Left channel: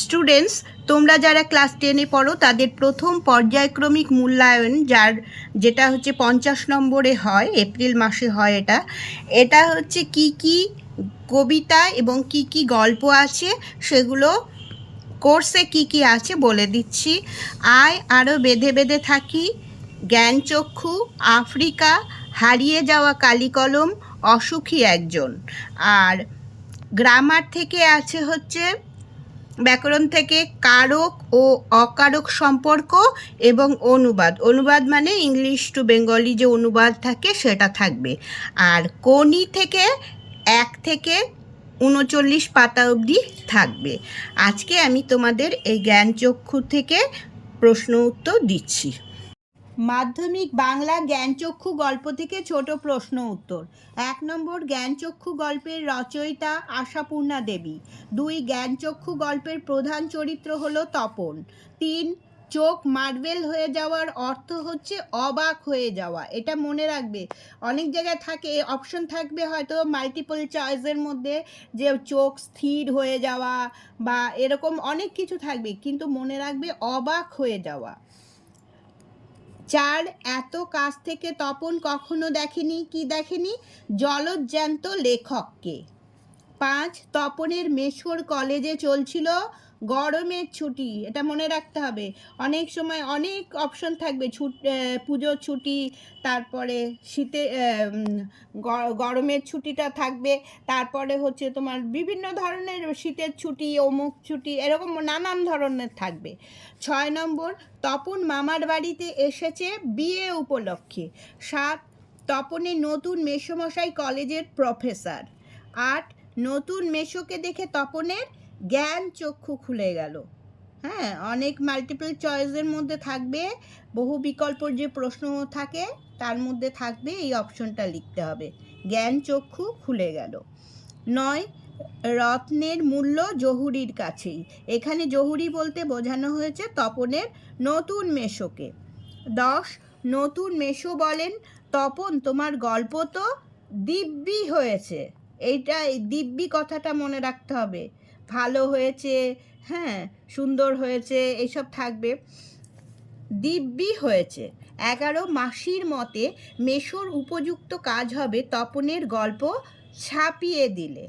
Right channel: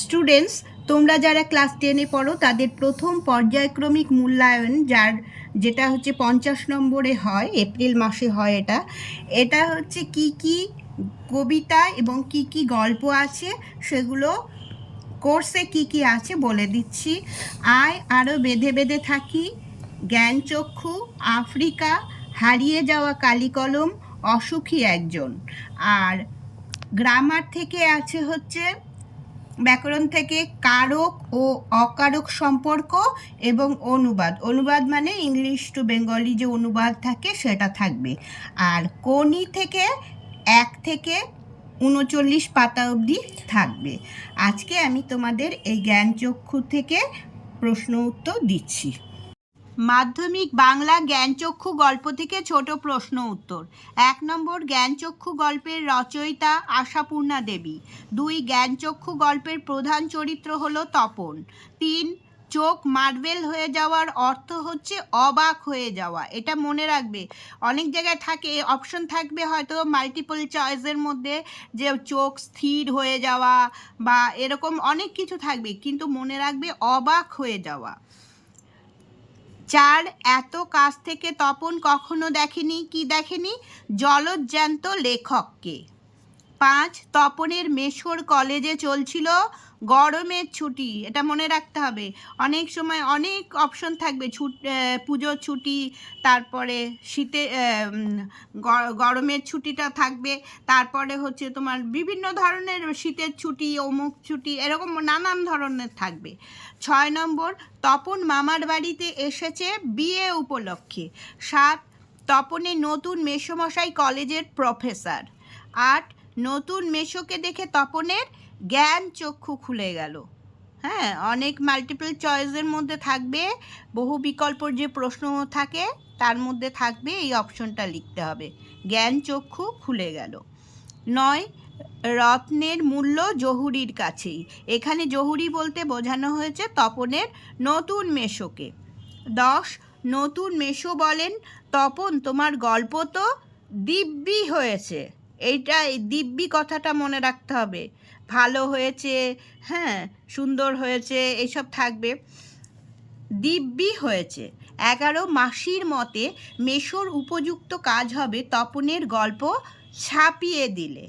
Students তোমরা যারা class টেনে পড়ো, তাদের প্রথম পর্যায়ক্রমিক মূল্যায়ন যার, যেটা হচ্ছে পঞ্চাশ নম্বরে হয়, এপ্রিল মাসে হয় এটা এটা হচ্ছে কি কি কবিতা এবং কি কি গল্প আছে, সেগুলো কোর্সে কি কি আছে বলে দিচ্ছি। আয় আরও বেঁধে বেঁধে থাকি জ্ঞানচক্ষু আফ্রিকা, হারিয়ে যাওয়া কালিকলম, অসুখী একজন। আর গ্রামার থেকে আছে হচ্ছে ব্যাকরণ থেকে কারক ও অকারক সম্পর্ক এবং অনুবাদ। অনুবাদ মানে ইংলিশ টু বেঙ্গলি যে অনুবাদ থাকে সেটা থাকবে। আর কোনি থেকে এক থেকে উনচল্লিশ পাতা অবধি থাকবে। আজকে আমি তোমাদের এই জ্ঞানচক্ষু থেকে প্রশ্ন উত্তর দিচ্ছি। মাধ্যমিক বাংলা জ্ঞানচক্ষু গল্প থেকে ছোট প্রশ্ন উত্তর। এক নম্বর জ্ঞানচক্ষু গল্পের রচয়িতা আশাপূর্ণা দেবী। দুই জ্ঞানচক্ষু গল্পের প্রধান চরিত্র হল তপন। তিন, চোখ মার্বেল হয়ে যাওয়ার অর্থ হচ্ছে অবাক হয়ে যাওয়া। এটা মনে রাখবে। অনেক জায়গায় থাকে অপশন থাকবে হয়তো মাল্টিপল চয়েসের মধ্যে যে চোখ স্থির হয়ে যাওয়া বা এরকম অনেক কিছু থাকবে, কিন্তু মনে রাখবে অবাক হয়ে যাওয়া। চার এত কাছ থেকে তপন কখনো দেখেনি, কি দেখেনি? জলজ্যান্ত লেখককে। পাঁচ, তপনের মেশোর কলেজে চলছিল গরমের ছুটি, এটা মনে রাখতে হবে। অনেক সময় অনেক অপশন থাকবে, ছুট পুজোর ছুটি, তারপরে শীতে গরমের ছুটিটা থাকবে, তারপরে হচ্ছে তোমার বিভিন্ন ধরনের শীতের ছুটি, অমুক ছুটি, এরকম নানান ধরনের থাকবে। ছয় নম্বর, তপন মামার বাড়িতে এসেছে বিয়ে উপলক্ষে। সাত তপনের নতুন মেসোমশাই কলেজের প্রফেসর আট, নতুন মেশোকে দেখে তপনের জ্ঞান চক্ষু খুলে গেল। হ্যাঁ অনেক মাল্টিপল চয়েসের মধ্যে থাকবে, বহু বিকল্পর যে প্রশ্ন থাকে, তার মধ্যে থাকবে এই অপশনটা লিখতে হবে। জ্ঞান চক্ষু খুলে গেল। নয়, রত্নের মূল্য জহুরির কাছেই। এখানে জহুরি বলতে বোঝানো হয়েছে তপনের নতুন মেশোকে। দশ, নতুন মেশো বলেন, তপন, তোমার গল্প তো দিব্যি হয়েছে। এইটা এই দিব্যি কথাটা মনে রাখতে হবে। ভালো হয়েছে হ্যাঁ সুন্দর হয়েছে এইসব থাকবে। দিব্যি হয়েছে। এগারো মাসির মতে মেশোর উপযুক্ত কাজ হবে তপনের গল্প ছাপিয়ে দিলে।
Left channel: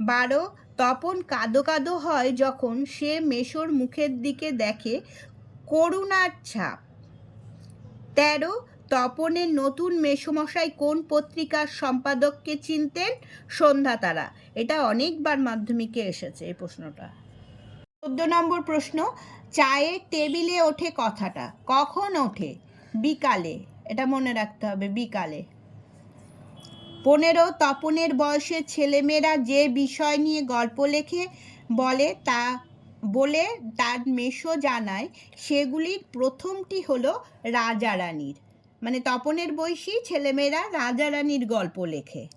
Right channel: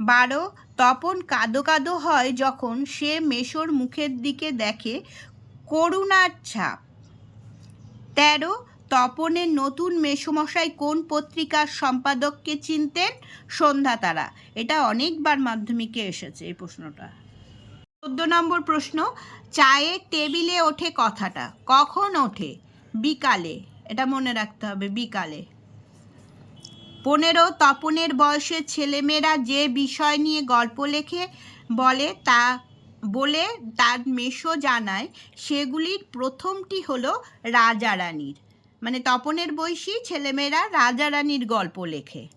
বারো, তপন কাদো কাদো হয় যখন সে মেশোর মুখের দিকে দেখে করুণার ছাপ। তেরো তপনের নতুন মেসমশাই কোন পত্রিকার সম্পাদককে চিনতেন? সন্ধ্যা তারা। এটা অনেকবার মাধ্যমিকে এসেছে এই প্রশ্নটা। চোদ্দ নম্বর প্রশ্ন চায়ের টেবিলে ওঠে কথাটা। কখন ওঠে? বিকালে। এটা মনে রাখতে হবে, বিকালে। পনেরো, তপনের বয়সের ছেলেমেয়েরা যে বিষয় নিয়ে গল্প লেখে, বলে তা, বলে তার মেশো জানায়, সেগুলির প্রথমটি হলো রাজা রানীর মানে তপনের বয়সী ছেলেমেয়েরা রাজা রানীর গল্প লেখে।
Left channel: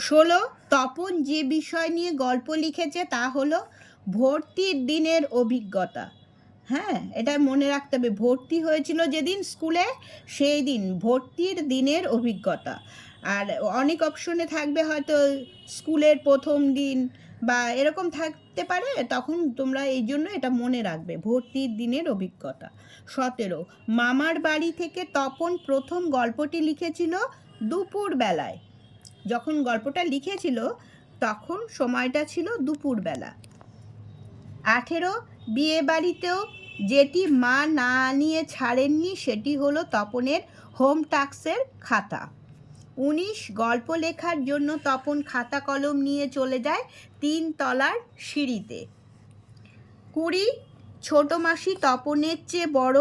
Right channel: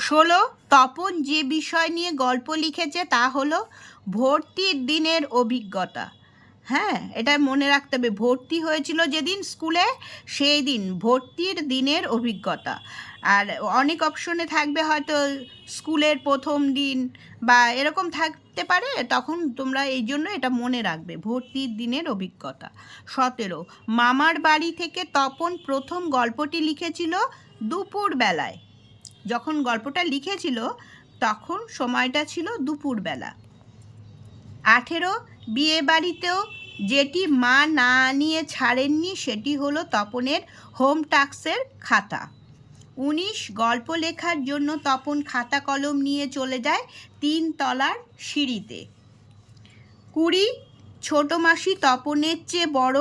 ষোলো, তপন যে বিষয় নিয়ে গল্প লিখেছে তা হলো ভর্তির দিনের অভিজ্ঞতা। হ্যাঁ এটা মনে রাখতে হবে, ভর্তি হয়েছিল যেদিন স্কুলে, সেই দিন ভর্তির দিনের অভিজ্ঞতা। আর অনেক অপশনে থাকবে হয়তো স্কুলের প্রথম দিন বা এরকম থাকতে পারে, তখন তোমরা এই জন্য এটা মনে রাখবে। ভর্তির দিনের অভিজ্ঞতা। সতেরো, মামার বাড়ি থেকে তপন প্রথম গল্পটি লিখেছিল দুপুর বেলায় যখন গল্পটা লিখেছিল, তখন সময়টা ছিল দুপুরবেলা। আঠেরো, বিয়ে বাড়িতেও যেটি মা না নিয়ে ছাড়েননি, সেটি হলো তপনের হোম টাস্কের খাতা। উনিশ গল্প লেখার জন্য তপন খাতা কলম নিয়ে চলে যায় তিন তলার সিঁড়িতে। কুড়ি ছোট মাসি তপনের চেয়ে বড়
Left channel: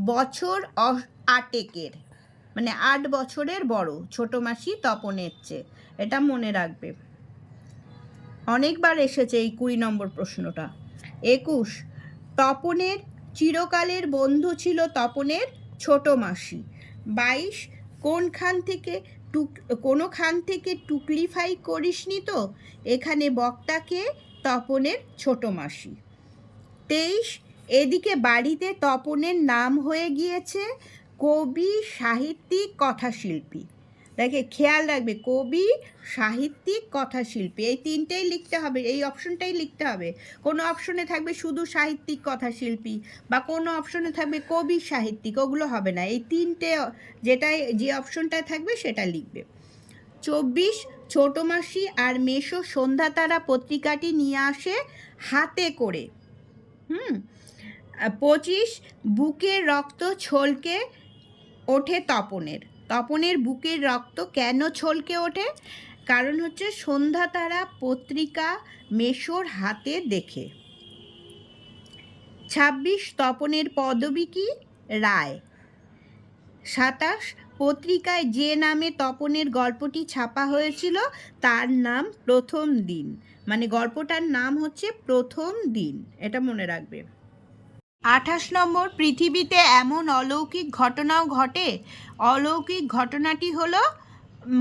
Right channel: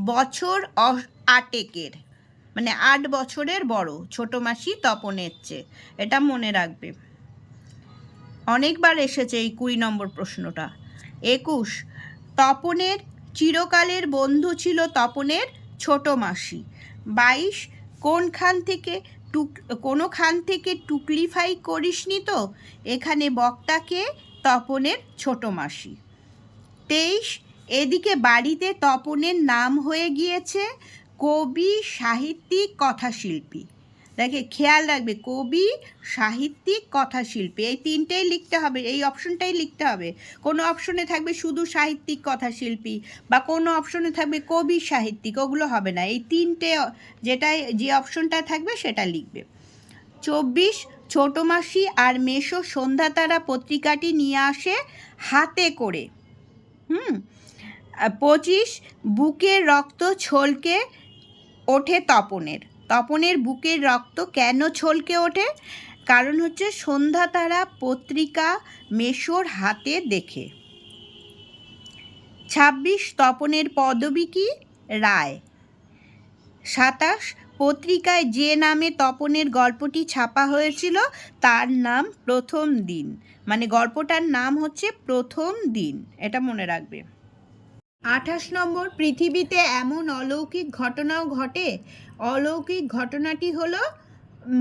বছর আটেকের। মানে আট বছরের বড় ছোট মাসি তপনের চেয়ে। এটা মনে রাখবে। অনেকবার এসেছে এই কুড়ি নম্বর প্রশ্নটা। একুশ তপনের, চিরকালের বন্ধু ছিল তপনের ছোট মাসি। বাইশ কোনখান থেকে টুক, কোনোখান থেকে টুকলিফাই করিসনি তো? এখানে বক্তাকে তপনের ছোট মাসি। তেইশ, এদিকে বাড়িতে তপনের নাম হয়ে গিয়েছে কবি, সাহিত্যিক, কথাশিল্পী। দেখে খেয়াল রাখবে, কবি, সাহিত্যিক, কথাশিল্পী, এই তিনটেই লিখতে হবে, এই অপশনটাই লিখতে হবে। কোনো অপশনে থাকবে শুধু সাহিত্যিক, কথাশিল্পী বা কোনো অপশনে থাকবে কবি, সাহিত্যিক, ওগুলো হবে না। এই তিনটে যেটা যে অপশনটা থাকবে সেটা লিখবে। চব্বিশ, ছোট মাসি আর মেশো সন্ধ্যা তারা পত্রিকাটি নিয়ে আসে হাতে করে। হুম? পঁচিশ বুকের রক্ত ছলকে ওঠে তপনের। তপনের বুকের রক্ত কেন ছলকে ওঠে? কারণ হচ্ছে সন্ধ্যা তারা পত্রিকা মেশোর হাতে দেখে। ছাব্বিশ তপনের পদবী কি? রায়। সাতাশ পত্রিকায় যে নামে তপনের গল্পটি ছাপা হয়েছিল, তার নাম প্রথম দিন। মানে গল্পটার নাম হচ্ছে প্রথম দিন। এটা মনে রাখবে। আঠাশ নম্বর, পৃথিবীতে এমন অলৌকিক ঘটনাও ঘটে? অলৌকিক ঘটনাটি হলো,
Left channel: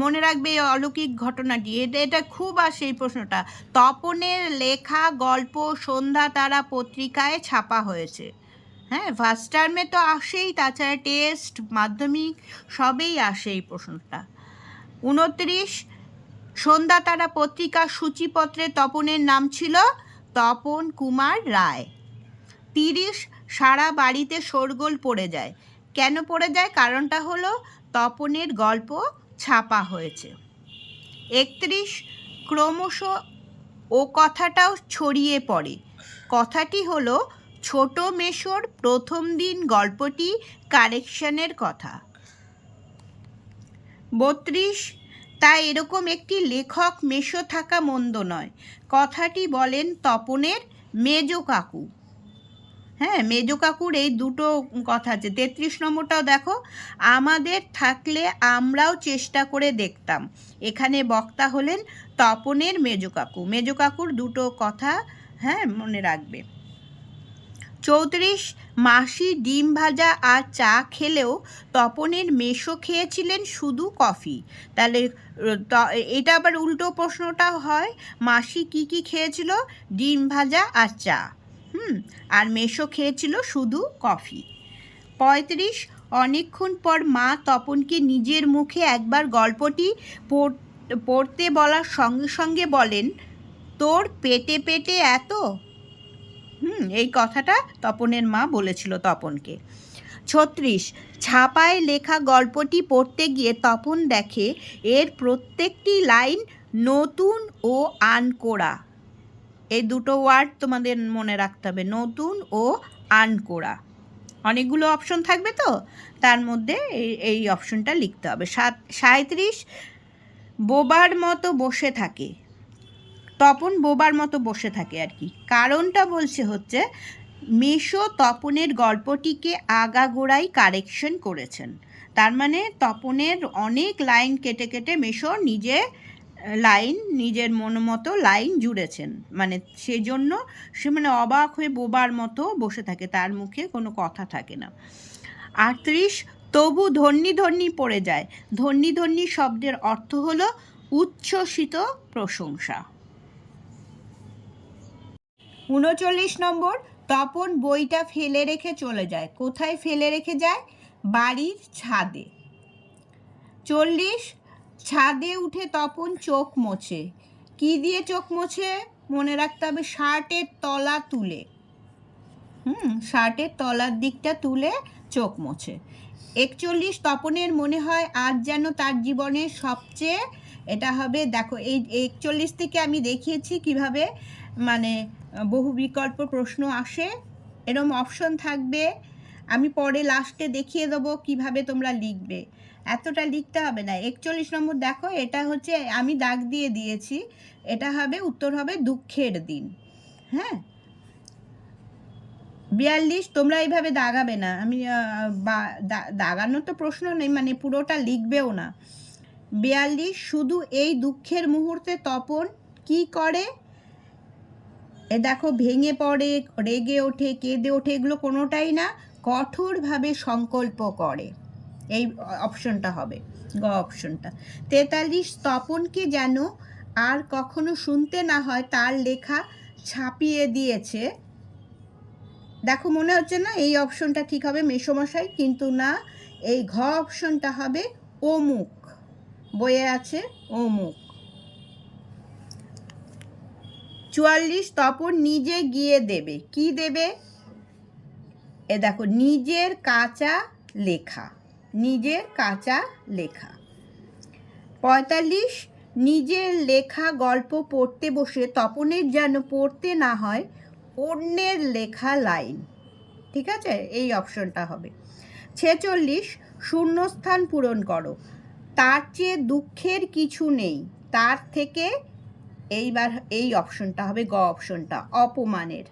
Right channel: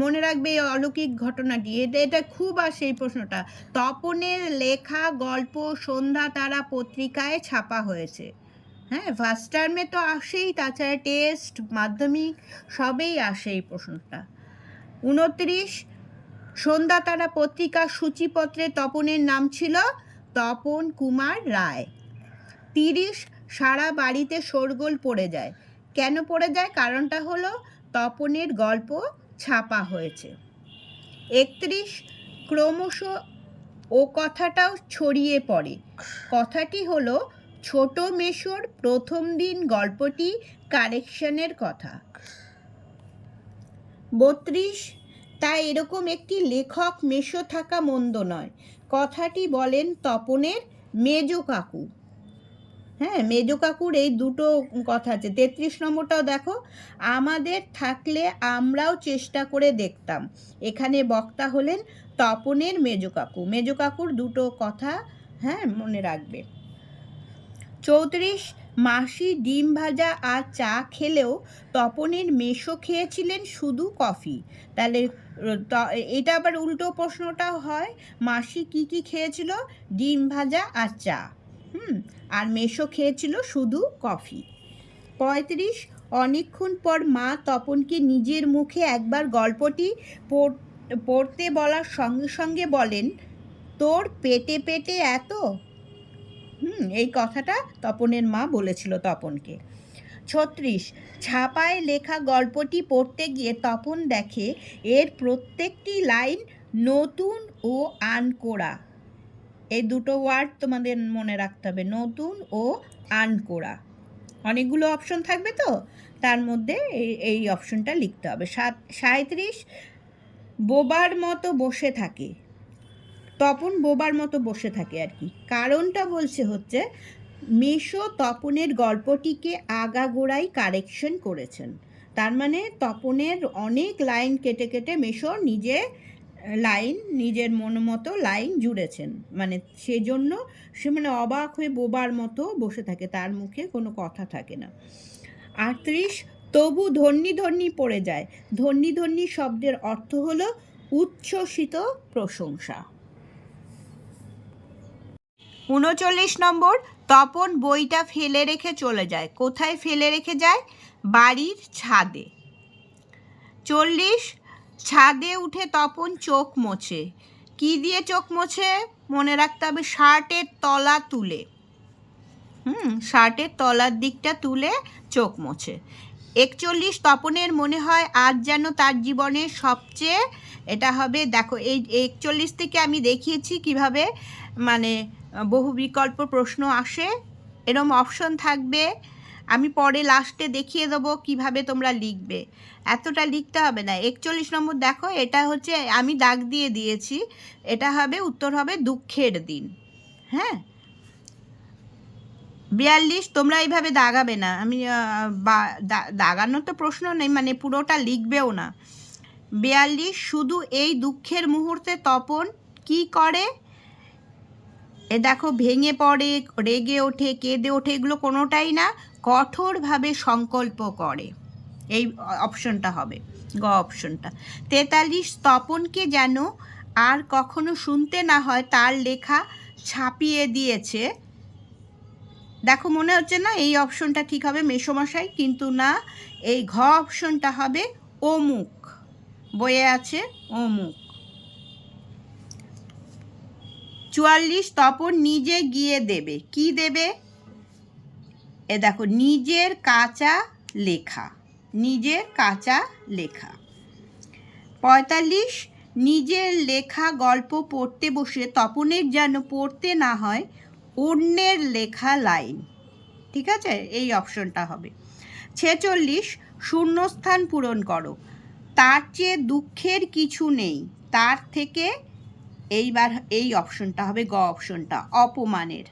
মনে রাখবে এই অলৌকিক ঘটনাটি এটা এটা খুব আসে এই প্রশ্নটা। তপনের লেখা গল্প সন্ধ্যা তারা পত্রিকায় ছাপা হয়েছে। হ্যাঁ ফার্স্ট টার্মে তো আসেই, তাছাড়া টেস্ট মাধ্যমিক, সবেই আসে এই প্রশ্নটা। উনত্রিশ, সন্ধ্যা তারা পত্রিকার সূচিপত্রে তপনের নাম ছিল তপন কুমার রায়। তিরিশ সারা বাড়িতে শোরগোল পড়ে যায়। কেন পড়ে যায়? কারণটা হলো তপনের গল্প ছাপা হয়েছে। একত্রিশ ক্রমশ ও কথাটাও ছড়িয়ে পড়ে। কথাটি হলো ছোট মেশোর প্রথম দিন গল্পটি কারেকশনের কথা। বত্রিশ তা এরকম একটি লেখক মেশো থাকা মন্দ নয়। কথাটি বলেন তপনের মেজ কাকু। হ্যাঁ মেজ কাকুর এই দুটো কথা আছে। তেত্রিশ নম্বরটাও দেখো, আমাদের থাকলে আমরাও চেষ্টা করে দেখতাম। এখানে বক্তা হলেন তপনের মেজ কাকু। মেজ কাকুর দুটো কথা হ্যাঁ মনে রাখবে। চৌত্রিশ, মাসি ডিম ভাজা আর চা খেলেও তপনের মেশো খেয়েছিলেন শুধু কফি। তাহলে এটা আবার উল্টো প্রশ্নটা হয়, মাসি কি কি খেয়েছিল? ডিম ভাজা আর চা। হুম, আর মেশো খেয়েছিল শুধু কফি। পঁয়ত্রিশ অনেকক্ষণ পর মা তপনকে নিজের মুখে একবার গল্পটি পড়- পড়তে বলার সঙ্গে সঙ্গে বলেন, তোর পেটে পেটে এত? হুম, এই কথাটা তপনের মা বলেছিল তপনকে। ছত্রিশ, ছাপায় লেখা গল্পটি পড়তে গিয়ে তপন দেখে, এর প্রত্যেকটি লাইন নতুন ও আনকোড়া। এই দুটো ওয়ার্ড তোমাদের মনে রাখতে হবে, নতুন ও আনকোড়া অনেকগুলো অপশন থাকবে তো, তার মধ্যে এই- অপশনটা লিখতে হবে। সাত সাঁত্রিশ বোবার মতো বসে থাকে। তপন বোবার মতো বসে থাকে আর কি। কারণটা বলছে হচ্ছে, মিশো তপনের গল্পটিকে আগাগোড়াই কারেকশন করেছেন। তার মানে তপনের অনেক লাইন কেটে কেটে মেশো নিজে লাইন, নিজের মন মতো লাইন জুড়েছেন। মানে সেজন্য সে মানে অবাক হয়ে বোবার মতো বসে থাকে, তার মুখে কোনো কথা থাকে না। আটত্রিশ, তবু ধন্যি ধন্যি পড়ে যায়। ধন্যি ধন্যি শব্দের অর্থ হলো উচ্ছ্বসিত প্রশংসা। উনচল্লিশ নম্বর, তপন বইটা ফেলে রেখে চলে যায়। কোথায় ফেলে রেখে যায়? বাড়ির ছাদে। চল্লিশ ছাদে উঠে তপন চোখ মোছে। কি দিয়ে চোখ মোছে? মনে রাখতে হবে শার্টের তলা তুলে। হুম, শার্টের তলার দিকটা তুলে চোখ মোছে। একচল্লিশ তপনের মনে হয় আজ যেন তার জীবনের সবচেয়ে, এটা হবে, দেখো, এই একচল্লিশ থেকে আমি দেখিয়েছি কীভাবে মানে বহু বিকল্প প্রশ্ন আসে। এরম অপশন থাকবে। আমি পরে লাস্টে দেখিয়ে দেবো কীভাবে তোমরা লিখবে। এতটা লিখতে হবে না। একচল্লিশ নম্বর দেখো, এটা হচ্ছে আমি দাগ দিয়ে দিয়েছি, এটা হবে, উত্তর হবে দুঃখের দিন। হ্যাঁ? বিয়াল্লিশ, তোমরা এইভাবে দাগাবে না। আমি দাগানোর তো প্রশ্ন নেই মানে পুরোটা লিখবেও না। বিয়াল্লিশ, শুধু এই দুঃখের মুহূর্তে তপন কি করে? এ দেখো, ভেঙে পড়ে, রেগে ওঠে, কেঁদে ওঠে, এগুলো কোনোটাই না। কঠোরভাবে সংকল্প করে। এই অপশনটা হবে, গ অপশনটা তেতাল্লিশ, তপনকে যেন আর কখনো শুনতে না হয়, তার লেখা ছাপিয়ে দিয়েছে। দেখো, মনে হচ্ছে না এই অপশনটা ঠিক হবে মেসোমশাই, কিন্তু না, এই ঘ অপশনটা হবে অমুক। বইয়ে আছে অমুক। চুয়াল্লিশ, তপন নিজে গিয়ে দেবে। কি দেবে? এ দেখো, নিজের কাঁচা লেখা, নিজের কাঁচা লেখা। পঁয়তাল্লিশ, নিজের লেখা গল্প পড়তে বসে তপনের যেন পড়তে না হয়, অন্যের লেখা লাইন। ঠিক আছে? এই অপশনটা হবে। ছেচল্লিশ, শূন্যস্থান পূরণ করো। তার চেয়ে দুঃখের কিছু নেই। তার থেকে এইবার এই অপশনটা হবে, গ অপশনটা, অপমানের।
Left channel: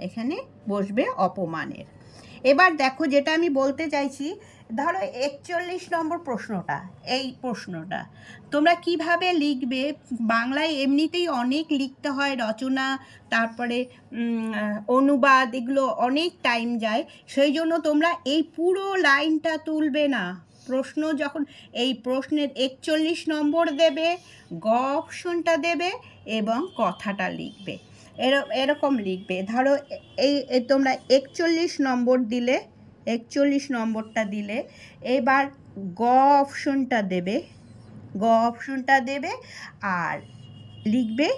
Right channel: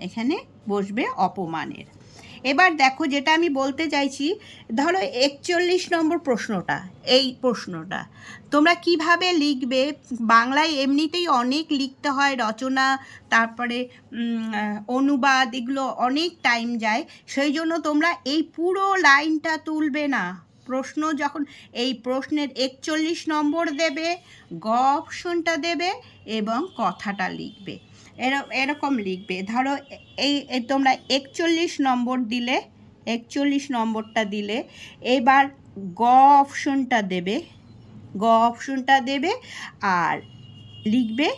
এখানে বসবে অপমানের। এবার দেখো যেটা আমি বলতে চাইছি, ধরো একচল্লিশ নম্বর প্রশ্নটা, এই প্রশ্নটা। তোমরা কীভাবে লিখবে? বাংলায় এমনিতেই অনেক লিখতে হয়, রচনা, তারপরে অনুবাদ, এগুলো অনেক টাইম যায়। সেই জন্য তোমরা এই পুরো লাইনটা তুলবে না। প্রশ্ন যখন, এই প্রশ্নের একচল্লিশ নম্বর দেবে, গ অপশনটা দেবে এবং কথাটা লিখবে। এরকম লিখবে। ধরো এই তোমরা একচল্লিশ নম্বর দিলে, একচল্লিশ নম্বরটা দিলে, এবার গ অপশনটা দেবে, গ অপশনটা দেবে, আর লিখবে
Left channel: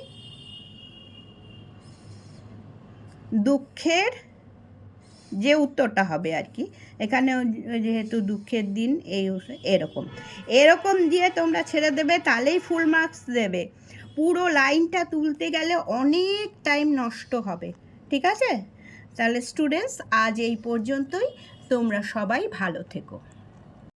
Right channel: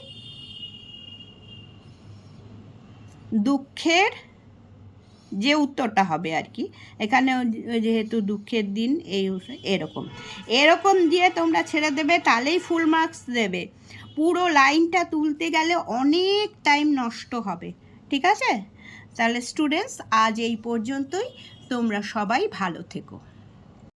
দুঃখের যে উত্তরটা হবে আর কি, এখানে যেহেতু দুঃখের দিন, এই এরকম। এরকম দিয়ে তোমরা ছেড়ে দেবে, তাহলেই ফুল মার্কস দেবে। পুরো লাইনটা তুলতে গেলে অনেক টাইম নষ্ট হবে, ঠিক আছে? তাহলে স্টুডেন্টস আজ এই পর্যন্তই। তোমরা সবাই ভালো থেকো।